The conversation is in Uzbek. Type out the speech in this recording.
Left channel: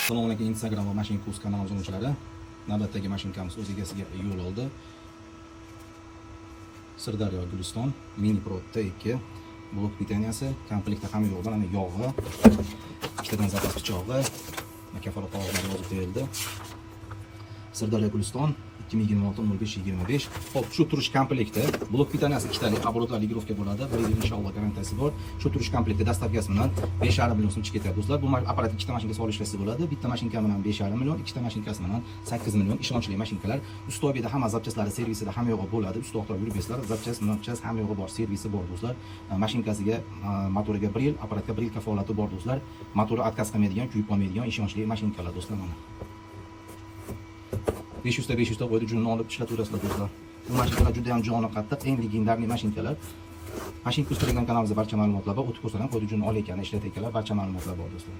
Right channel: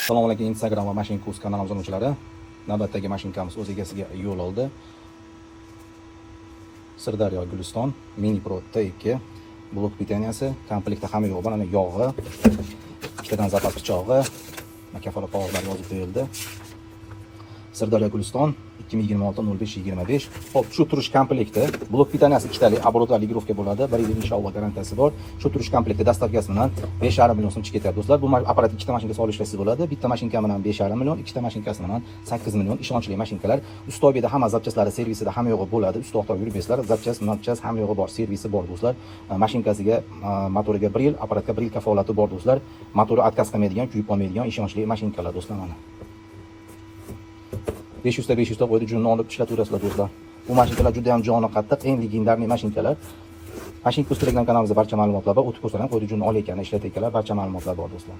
Assalomu alaykum, Instagram va Mashina Kurs kanali obunachilari. Navbatdagi mashinkamiz o'z egasiga yo'l oldi. Sirdaryo Guliston Mini Pro T2 blok pitaniyasi, komplektda hamma yo'q bor. Mana yog'i, ikkitadan zapas pichog'i, kafolat qog'ozlari yozib berildi. Sirdaryo Guliston 2026-05-25. Hop, shu turish komplekti. Blok pitaniyasi ikkitalik оборотlar ligirovka bo'ladi. 1 yil inshaalloh garantiyasi bor. Shu turish komplekti dastavkasi bilan 5,5 million so'm chiqib ketyapti do'stlar. Bu apparat ikkita mashinka solishlasi bo'ladi. Bitta mashinka bilan 5,5 million, ikkita mashinkasi bilan 8 million ishonchli mashinkalar. Ustobida hamma zapchastlari, servisida hamma yo'g'i bo'ladi. Usti to'xtab yuribsizlar. Zapchas hamma yo'g'i bor, servisi bor do'stlar. Mashinkasiga, motoriga 1 yil, apparatga 1 yil kafolati bor do'stlar. Motori отказ qilmaydigan, kuyib qolmaydigan ishonchli mashinkalar do'stlar mana. 500 ta 500 ta qo'ydi, junni olib ishlataverasizlar do'stlar. Bu mashinkalar juda ham joni qattiq, eng legendarniy mashinkalar. Mashina Kurs Telegram kanalimizda barcha ma'lumotlar bor. O'tib ko'rsalar, qo'ydi junni olayotgan, ishlatayotganlar, barcha ma'lumotlar bor do'stlar.